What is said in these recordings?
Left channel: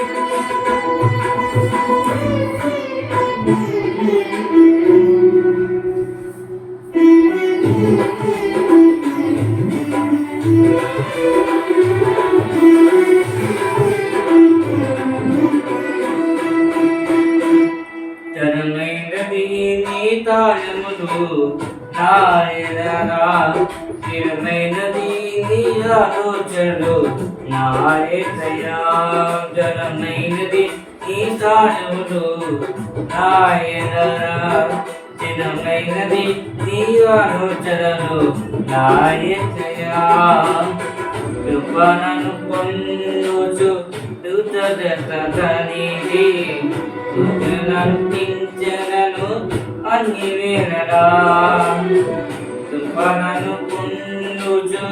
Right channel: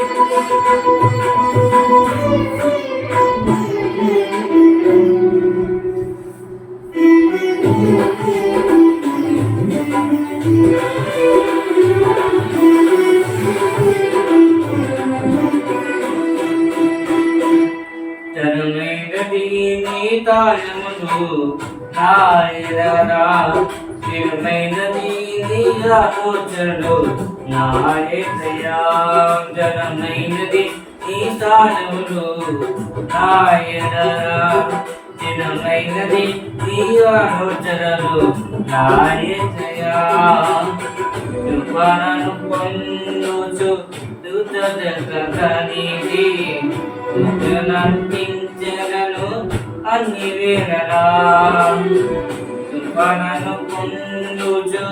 Thank you. తాళములు స్థిరమైనది నీ ఆలోచనలు నాయనయా జనమైనది నీ తాళములు నాయనా స్థిరమైనది నీ ఆలోచనలు నాయనయా కృపణను పొందుచు దుతదతనిది నంటించగను అన్ని వేళలా కృపణను పొందుచు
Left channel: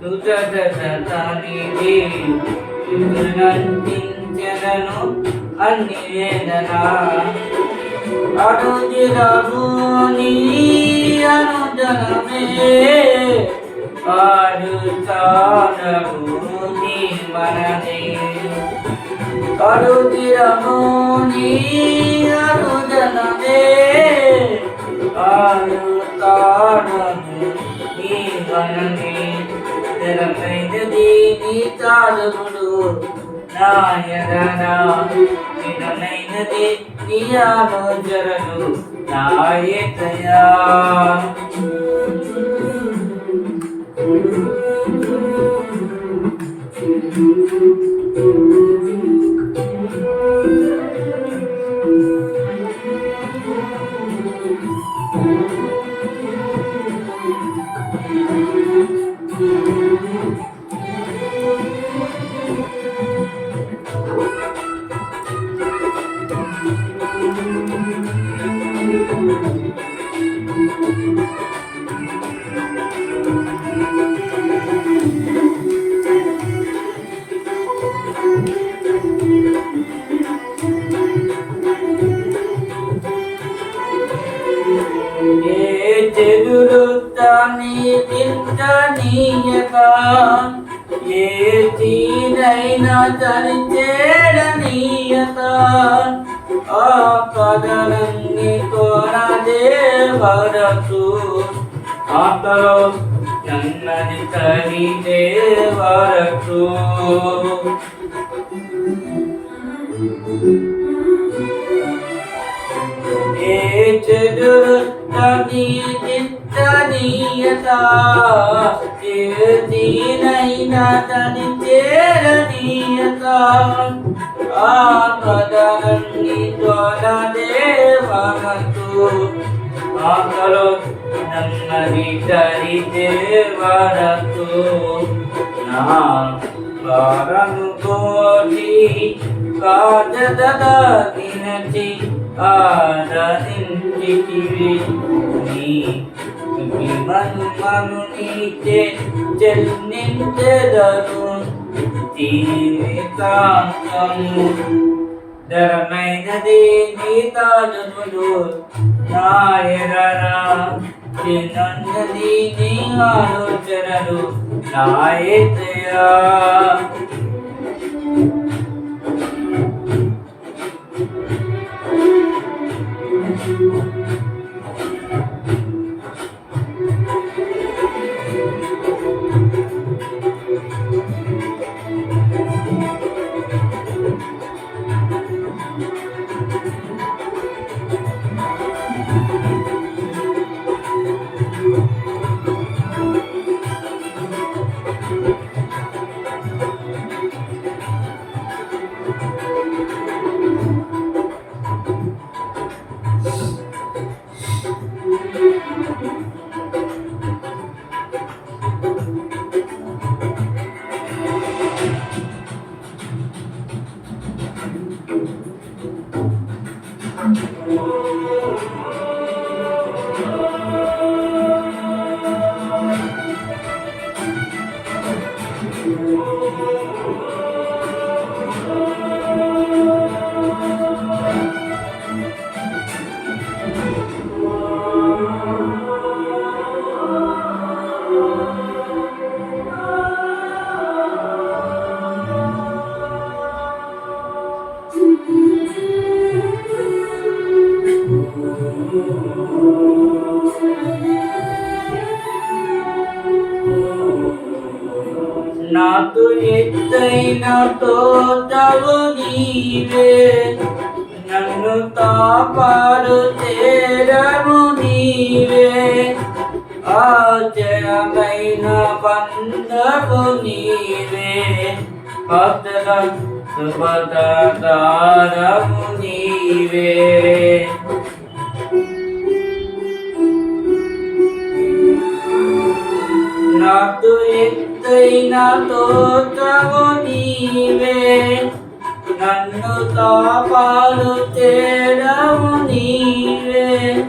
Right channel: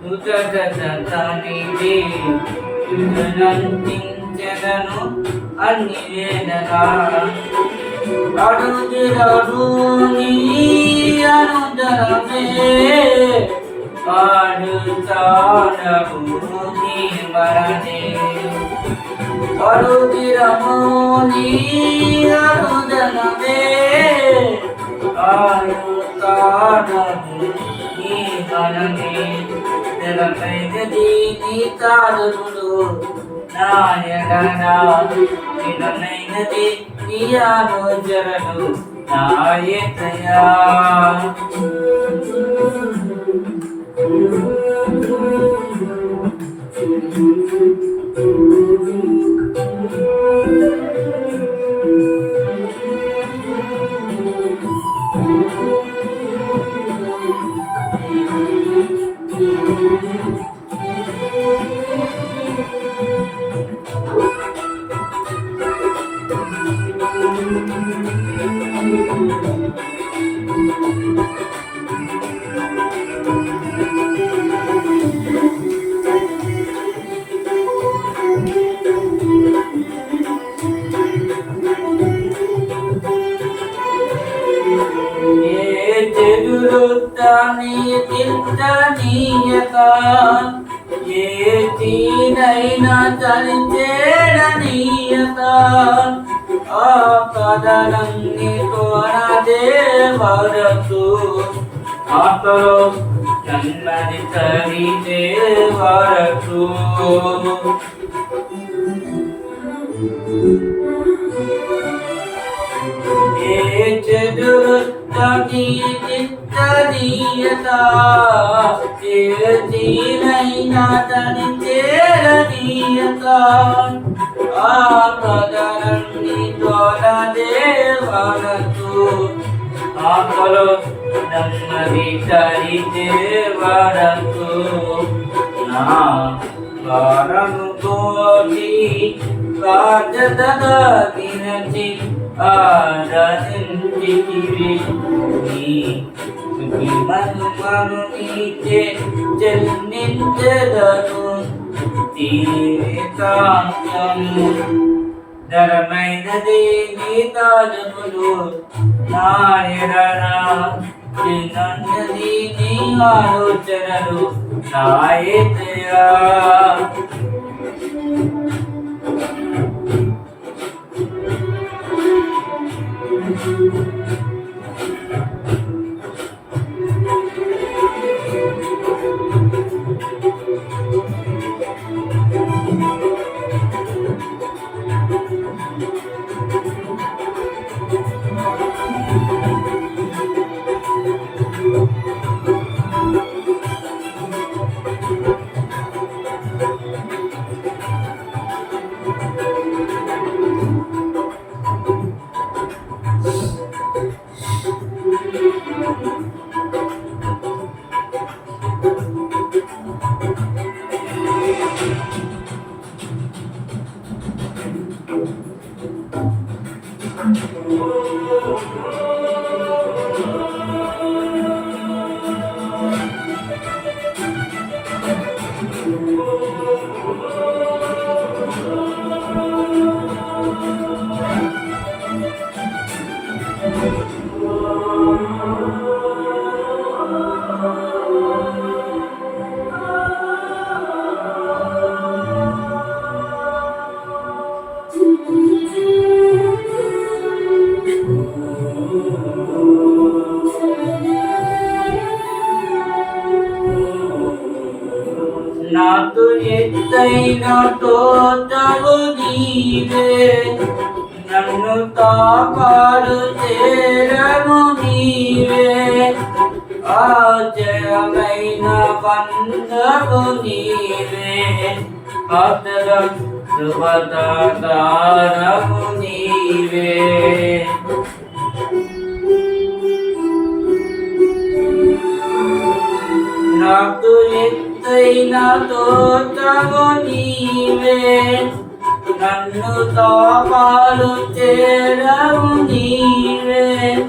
దుతదతనిది నంటించగను అన్ని వేళలా అడుగిరను అనుజరమే అనుదరమే నీ మరణే కడుగిరము నీ అనుదనమే ఆడుతాడము నీ మరణే తెలపైనది నీ తాడుడు నాయనా నిడమైనది నీ ఆలోచనలు నాయతయా తీనైనా ఆ కదలన్నీ కోరదే వరసు ఆకలో నన్నది తనిదే వరకు ஏற்றவர் தனியதில் தனியதா ஏதீனைனா தனி தேரனியதா ஆமதரன்னி தோலா தேவாகத்து ஆமலோ ನಮ್ಮ ಹಿತರಿ ದೇವರತು ನಾ ಕಾರಣ ಕೋಟಿ ಕಾಜದ ದಿನಚಿ ఆరాధించితివి నీ మను మను నీచే చెల్లించెదను జీవితాంతము ధరమైనది నీ తాజములు నాయరనా చిన్నది నీ ఆలోచనలు నాయతయా ఎత్తైన నీవే. నన్ను తాపాడు చేరము నీవే. ఆచరమైన బంధము నీవే. అతరం శుభదారము నీవే. నాకు ఎత్తైన తోటము నీవే. నన్ను తాపాలు చేరము నీవే.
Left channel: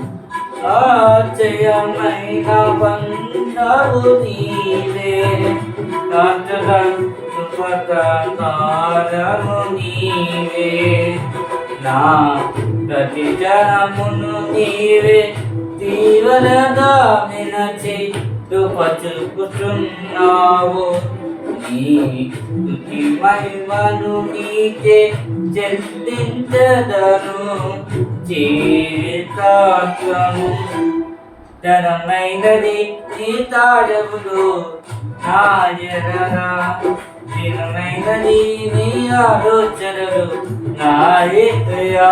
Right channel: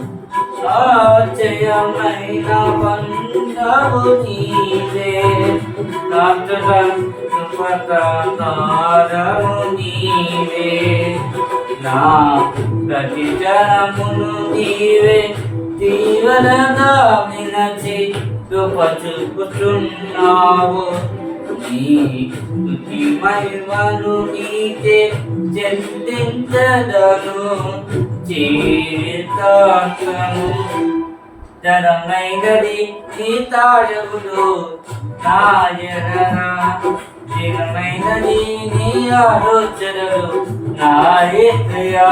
ఆచయమైన బంధము నీవే. నాటము నీవే. నా ప్రతి జనమును నీవే. తీవ్రగా వినచి చూపుచున్నావు నీ స్తుతి మహిమను నీచే చెల్లించదను జీవితాంతము జనమైనది నీ తాడవులు నాయనరా దినమైనది నీ ఆలోచనలు నాయకయా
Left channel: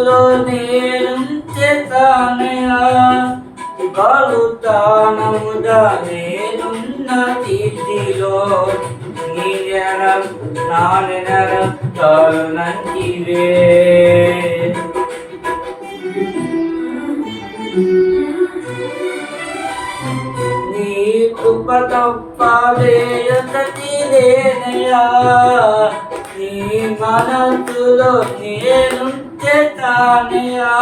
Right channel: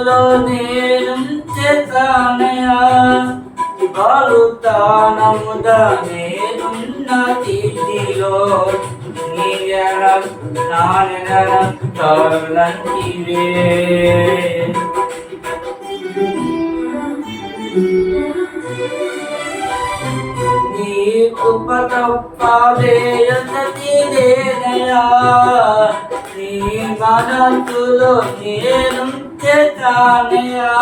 మనసులో నేను చేతానయా బలుతానముగా నేనున్న తిథిలో నీ జన తలంటివే నీ కృప తప్పదేయతీ లేనయా నీ మనసులో నేను చేతానయా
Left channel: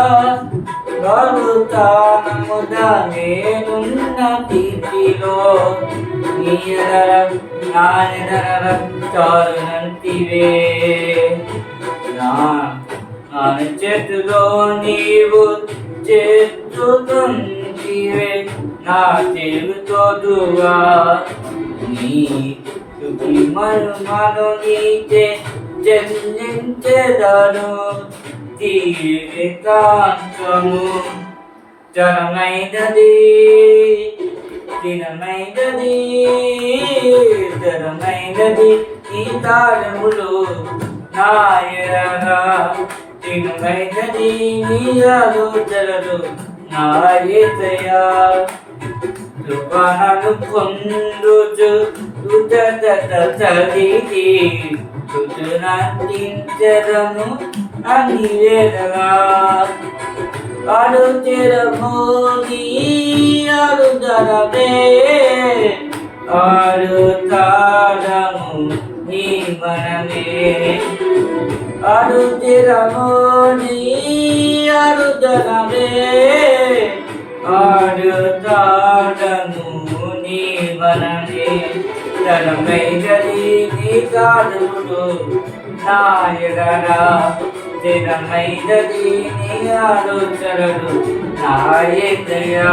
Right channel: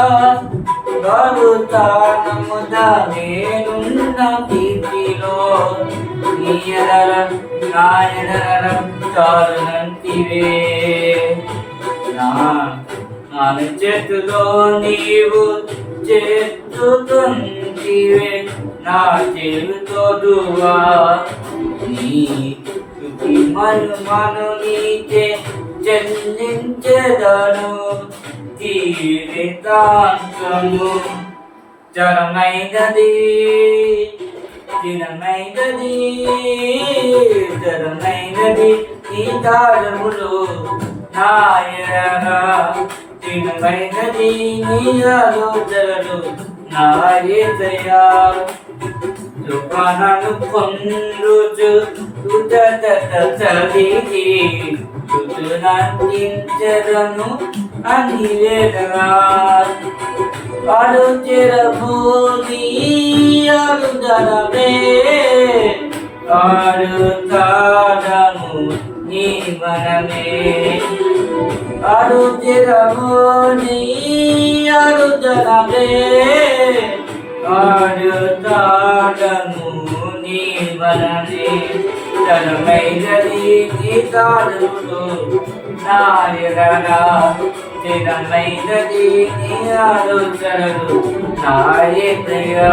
బరుతానముదా నేనున్న స్థితిలో నీయర నాయనర చాలునంటివే నా నా చేతిలో నీవు చేతుతుంటివే నా చెరుతోడువా నీ తుకి మను మను నీచే చెల్లించెదను జీవితాంతము జనమైనది దినమైనది జనమైనది ఈ తాళములు నాయరా దినమైనది నీ ఆలోచనలు నాయతయా తుఫాను పొందుచు తుదత చలిది తుతునందించదను అని వేదగా అడుచిరము నీ అరుదనమే ఆడుతాడము నీ మనమే అడుచిరము నీ ఆడుతాడము నీ మనమే ధనమైనది నీ దానములు నాయగరా స్థిరమైనది నీ ఆలోచనలు నాయకయా